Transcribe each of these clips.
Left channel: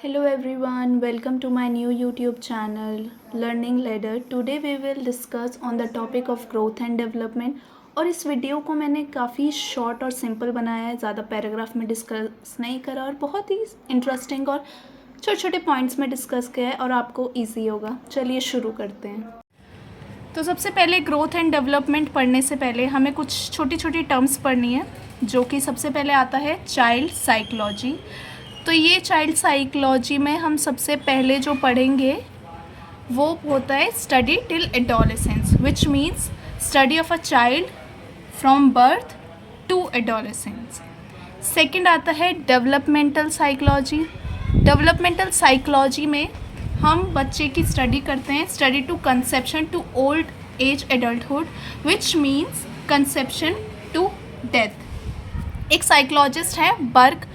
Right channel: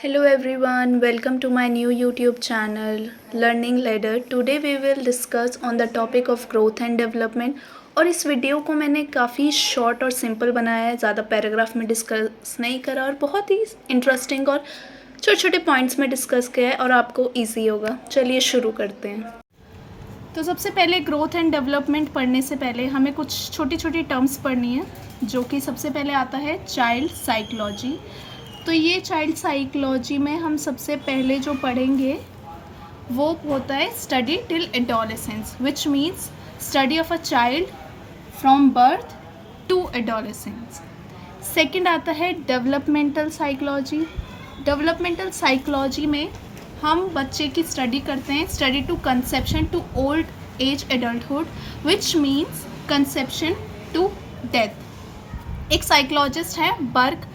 Hello everyone, welcome to my new YouTube channel Learning Ladder. Today we will discuss on the topic of growth and development. और इस video को मैंने काफ़ी short और simple बनाया है, ज़्यादा पैराग्राफ में डिस्कस नहीं करा और बहुत ही इंटरेस्टिंग और छोटे छोटे पॉइंट्स में डिस्कस किया है और आपको इजी होगा। चलिए शुरू करते हैं। तो सबसे पहले ग्रोथ एंड डेवलपमेंट पढ़ने से पहले हमें कुछ छोटी छोटी टर्म्स पढ़नी है, जो कि सबसे पहले आता है चाइल्ड साइकोलॉजी। तो ये चाइल्ड साइकोलॉजी में हम सबसे पहले जो पढ़ेंगे वो होता है study till adolescence, which means study of a child from birth to adolescence. Second आता है डेवलपमेंटल साइकोलॉजी। डेवलपमेंटल साइकोलॉजी में हम बच्चे की स्टडी करते हैं, study to conception to old age adulthood, which means conception to death. एक psychologist है बर्ग।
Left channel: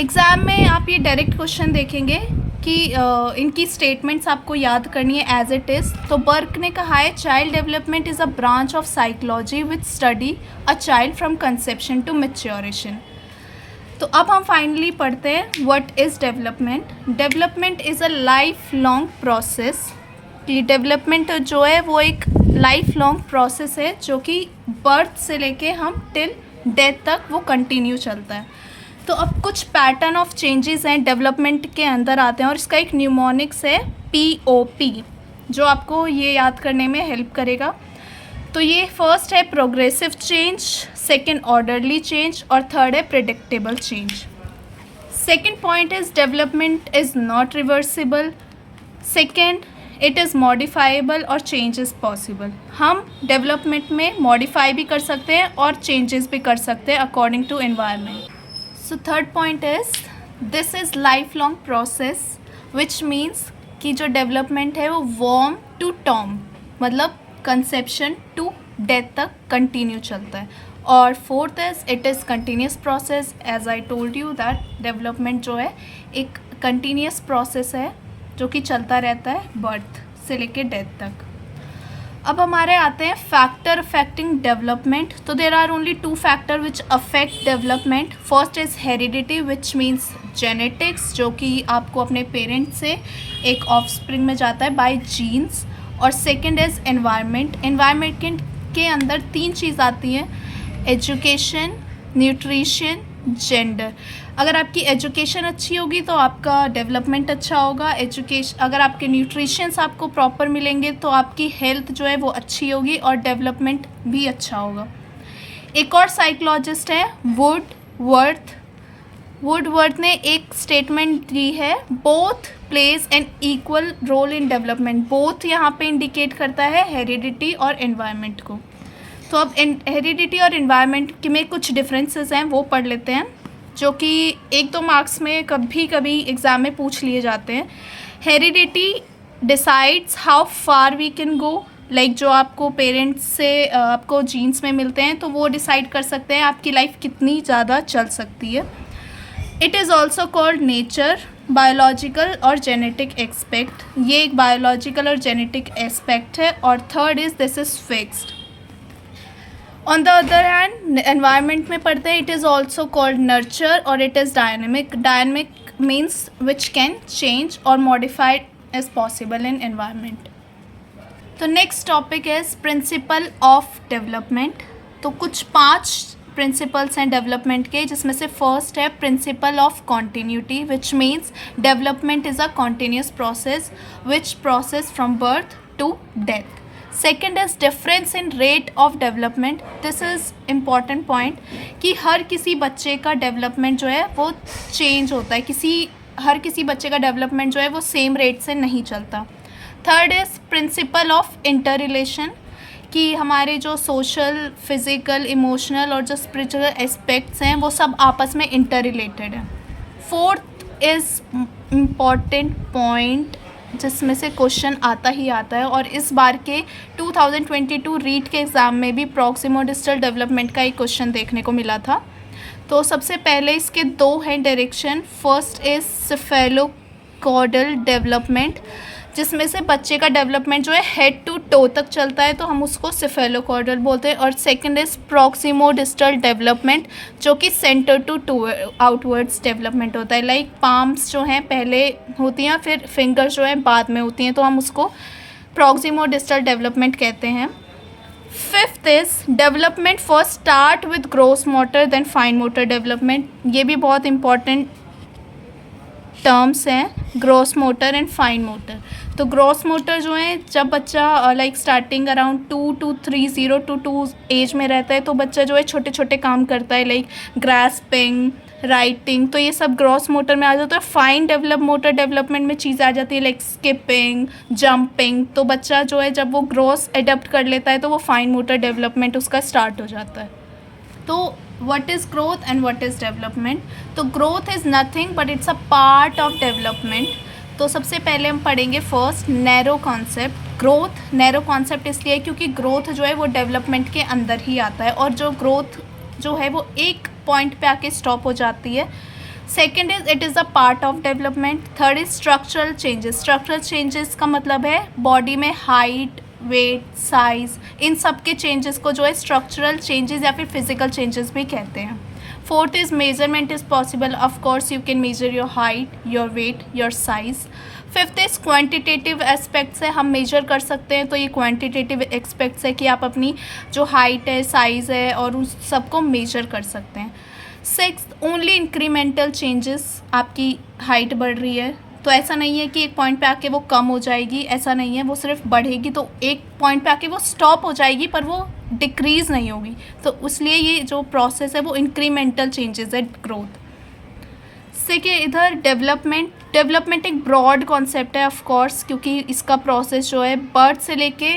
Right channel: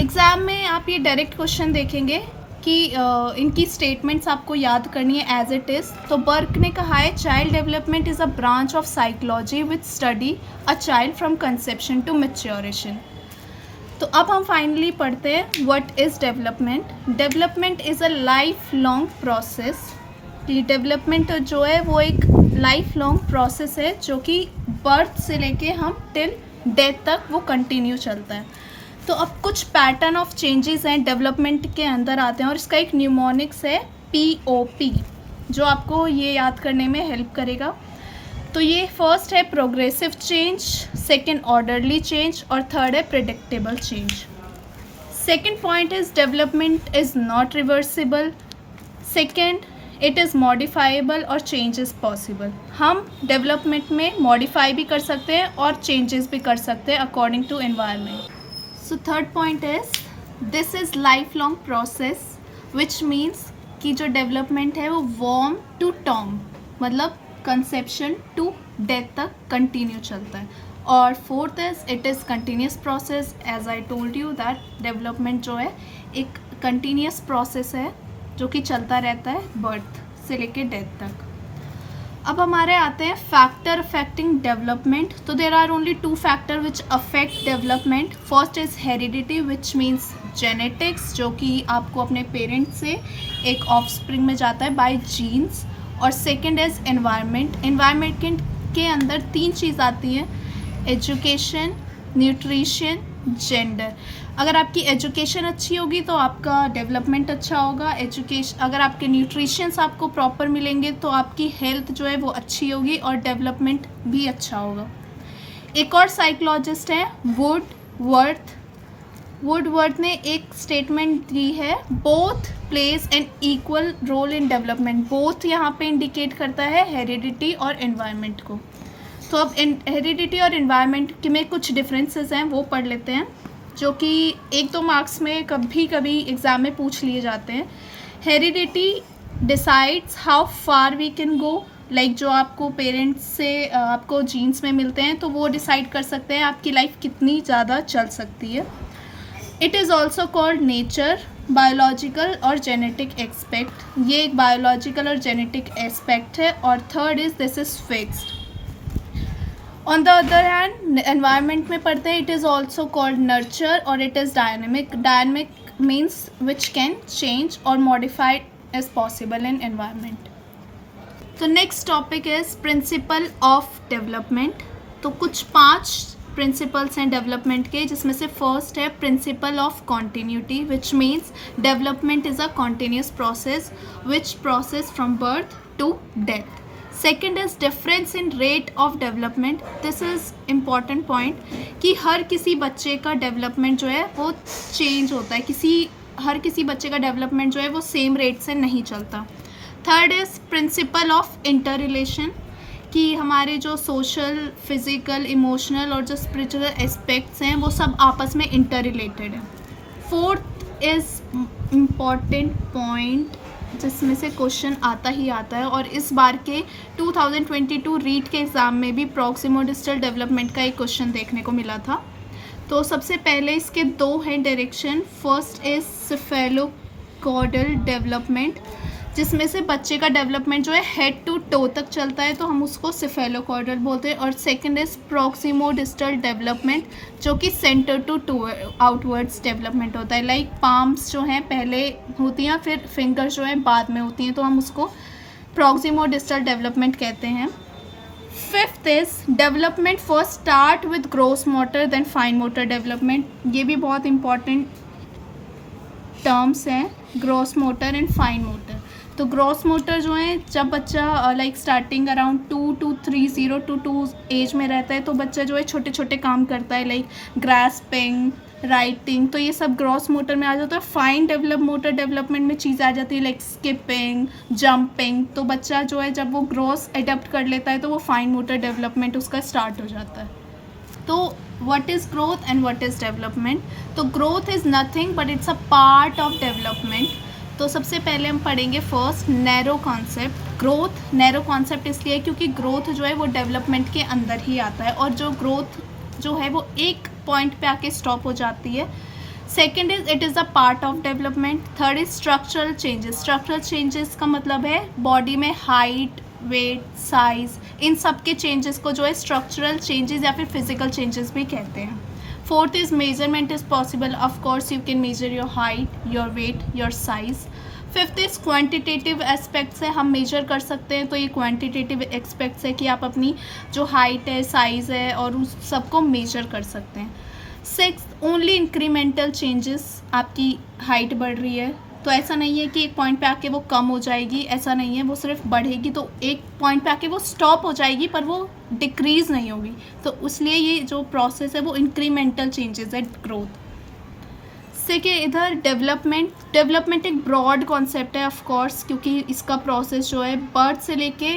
एग्ज़ाम में आप ये डायरेक्ट क्वेश्चन देखेंगे कि इनकी स्टेटमेंट्स आपको याद करनी है एज इट इज़। तो बर्ग ने कहा है child development is a branch of psychology which study a child from conception to maturation. तो अब हम फाइनली पढ़ते हैं what is development. Development is a life long process. कि डेवलपमेंट जो है वो एक लाइफ लॉन्ग प्रोसेस है जो कि बर्थ से लेके हम टिल डेथ तक वो कंटिन्यू चलता है। तो अब कुछ पैटर्न ऑफ चेंजेस हैं डेवलपमेंट के अंदर आते हैं और इसका एक न्यूमोनिक्स है POP, जो आपको ये याद करने में हेल्प करेगा। तो ये फर्स्ट है progressive change, second orderly change और थर्ड है predictable change. Second point is development is not reversible. Second it is modifiable और चेंज इज़ पॉसिबल। हम डेवलपमेंट में मॉडिफाई भी कर सकते हैं और चेंजेस भी कर सकते हैं according to environment. So third point is this is life long process, which means कि जो डेवलपमेंट है वो वॉर्म टू टॉम, मतलब कंसेप्शन टू डेथ तक कंटिन्यू चलता है। और fourth is it is continuous process. As I told you that development जो है एक कंटिन्यूस प्रोसेस है जो कि चलता रहता है बर्थ से लेके डेथ तक। अब हमारे आते हैं फैक्टर अफेक्टिंग डेवलपमेंट। तो there are only two factor which affect development. First is heredity, which means genetics, जो कि आपको अपने पेरेंट्स से एक ऑफस्प्रिंग में जाता है बाय जीन्स। और सेकंड इज़ एनवायरनमेंट। एनवायरनमेंट के अंदर तीन चीज़ आती हैं, एजुकेशन, न्यूट्रिशन, जेंडर। अगर आपकी एजुकेशन अच्छी होगी तो आपका डेवलपमेंट अच्छा होगा। अगर आपके न्यूट्रिशंस आपको प्रॉपर मिलेंगे तो आपकी हेल्थ जो है वो अच्छी होगी और डेवलपमेंट भी अच्छा होगा। एक और साइकोलॉजिस्ट है वुडवर्थ। वुडवर्थ ने एक स्टेटमेंट दी है, both plays an equal role in development. Both यहाँ पे इंडिकेट करता है हेरिडिटी और एनवायरनमेंट को। तो अब हेरिडिटी और एनवायरनमेंट में कुछ डिफरेंसेस हैं, वो पढ़ लेते हैं, जो कि एक दो मार्क्स में कभी कभी एग्ज़ाम में पूछ लिए जाते हैं। Heredity decides how far we can go, like जो आपको पेरेंट्स से आपको जीन्स में मिलते हैं तो वो डिसाइड कर सकते हैं आपकी लाइफ कितनी ज़्यादा चल सकती है। It is also called nature, biological और जेनेटिक एस्पेक्ट। ये एक बायोलॉजिकल और जेनेटिक एस्पेक्ट है। और third is this is fixed. On the other hand environment में पढ़ते हैं, it is also called nurture और it is dynamic. Dynamic means which can change और modified as possible in environment. तो next topic is principle of development. तो कुछ 5 principles हैं development के, जिसमें से फर्स्ट है principle of continuity, which means development is a continuous process which process from birth to death. Second is difference in rate of development. This is important point कि हर किसी बच्चे का डेवलपमेंट जो है वो चेंज होता है, हर किसी बच्चे का डेवलपमेंट जो है वो सेम रेट से नहीं चलता। Third is principle of inter relation, कि हमारे जो सोशल, फिज़िकल, इमोशनल और जो स्पिरिचुअल एस्पेक्ट्स हैं वो सब आपस में इंटर रिलेटेड है। फोर्थ इज़ इम्पॉर्टेंट पॉइंट जिसमें से क्वेश्चन आता ही आता है और इस बार के 2022 रीट के एग्ज़ाम में भी प्रॉक्सिमोडिस्टल डेवलपमेंट का एक क्वेश्चन देखने को मिला था। तो सबसे पहले इसके 2 हैं direction. First is cephalocaudal development. जिसमें से बच्चे का डेवलपमेंट जो है हेड टू टो तक चलता है, तो हम उसको सेफेलोकॉर्डल बोलते हैं। और सेकंड इज प्रॉक्सिमोडिस्टल डेवलपमेंट, जो कि सेंटर टू आउटवर्ड्स डेवलपमेंट होता है। लाइक पाम्स जो हैं पहले होती हैं, फिर फिंगर्स जो हैं बाद में होती हैं, तो हम उसको प्रॉक्सिमोडिस्टल डेवलपमेंट कहते हैं। Fifth is development first start with gross motor then fine motor development. ये भी बहुत इंपॉर्टेंट टर्म्स हैं, gross motor and fine motor. तो ग्रोस मोटर जो है, जब बच्चा लाइक स्टार्टिंग अराउंड 2 एज में रहता है, तो बच्चा जो है छोटे छोटे काम करता है, लाइक ग्रास्पिंग, राइटिंग, तो ये सब ग्रॉस मोटर में आ जाता है। फाइन मोटर डेवलपमेंट में चीज़ आ जाती है लाइक स्किपिंग, जंपिंग। तो बच्चा जो है जब वो ग्रॉस अडॉप्ट कर लेता है, तो वो फाइन मोटर डेवलपमेंट उसका स्टार्ट हो जाता है। तो what is growth and what is development? तो growth is nothing but it's a part of development. तो सबसे पहले हम पढ़ेंगे first narrow concept. Growth narrow concept इसलिए क्योंकि ग्रोथ जो है वो डेवलपमेंट के अंदर ही आता है, और जो ग्रोथ जो है वो एक पॉइंट पे आके स्टॉप हो जाती है। Second is it is a part of development. Third is structural changes. Structural changes का मतलब है बॉडी में हाइट, वेट, साइज, इन सब के चेंजेस को जो है स्ट्रक्चरल चेंजेस या फिर फिजिकल चेंजेस भी कहते हैं। Fourth is measurement is possible. Of course you can measure your height, your weight, your size. Fifth is quantitative aspects है, हम मेजर कर सकते हैं, तो ये क्वांटिटेटिव एस्पेक्ट्स है कि आप अपनी जो हाइट है, साइज़ है, और उस सबको मेजर कर सकते हैं। Sixth only incremental changes. आपकी हाइट बढ़ रही है, तो ऐसा नहीं है कि एक पॉइंट पे आके वो कम हो जाएगी, ऐसा नहीं है, वो सिर्फ बढ़ेगी, तो एक पॉइंट पे आके वो स्टॉप हो जाएगी, पर वो डिक्रीज़ नहीं होगी। तो इसलिए ये जो प्रोसेस है वो इंक्रीमेंटल चेंजेस है, ग्रोथ से। कि इधर डेवलपमेंट एक ब्रॉड कॉन्सेप्ट है ऑफ कोर्स, क्योंकि इसका प्रोसेस जो है बर्थ से लेके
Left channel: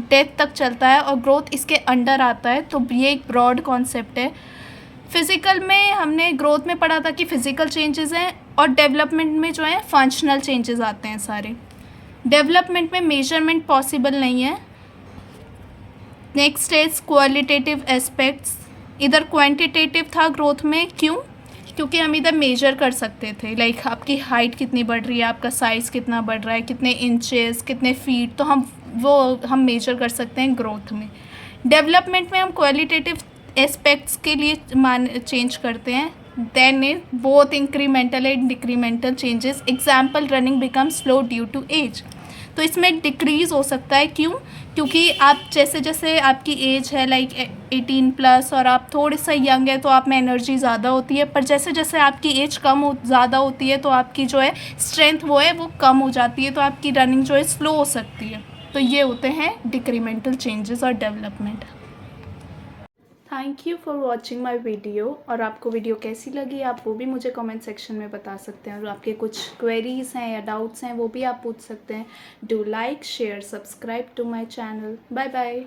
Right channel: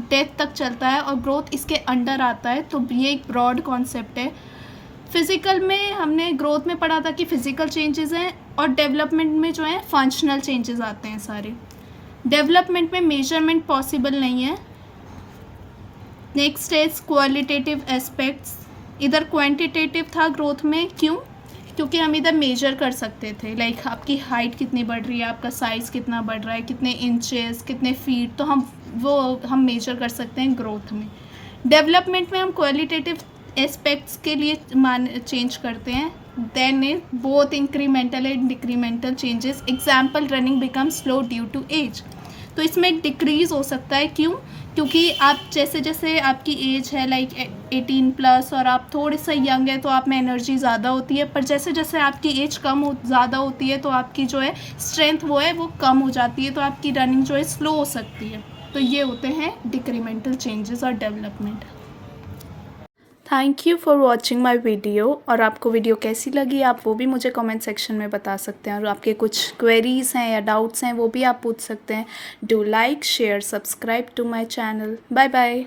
डेथ तक चलता है, और ग्रोथ इसके अंडर आता है, तो ये एक ब्रॉड कॉन्सेप्ट है। फिज़िकल में हमने ग्रोथ में पढ़ा था कि फिज़िकल चेंजेस हैं, और डेवलपमेंट में जो है फंक्शनल चेंजेस आते हैं सारे। डेवलपमेंट में मेजरमेंट पॉसिबल नहीं है। Next is qualitative aspects. इधर क्वांटिटेटिव था ग्रोथ में, क्यों? क्योंकि हम इधर मेजर कर सकते थे, लाइक आपकी हाइट कितनी बढ़ रही है, आपका साइज़ कितना बढ़ रहा है, कितने इंचेस, कितने फीट, तो हम मेजर कर सकते हैं ग्रोथ में। डेवलपमेंट में हम क्वालिटेटिव एस्पेक्ट्स के लिए चेंज करते हैं। Then is both incremental and decremental changes. Example running become slow due to age. तो इसमें डिक्रीज़ हो सकता है, क्यों? क्योंकि आप जैसे जैसे आपकी एज है लाइक 18+ और आप थोड़े सा यंग है, तो आप में एनर्जी ज़्यादा होती है, पर जैसे जैसे आपकी एज ज़्यादा होती है, तो आपकी जो है स्ट्रेंथ वो कम हो जाती है, तो आपकी रनिंग जो है स्लो हो सकती है। तो ये होते हैं डिक्रीमेंटल चेंजेस और development. Thank you for watching my video. और आपको वीडियो कैसी लगी आप वो भी मुझे कमेंट सेक्शन में बता सकते हैं, और आपके कुछ क्वेरीज़ हैं या डाउट्स हैं वो भी आप पूछ सकते हैं। Do like, share, subscribe to my channel. Bye bye.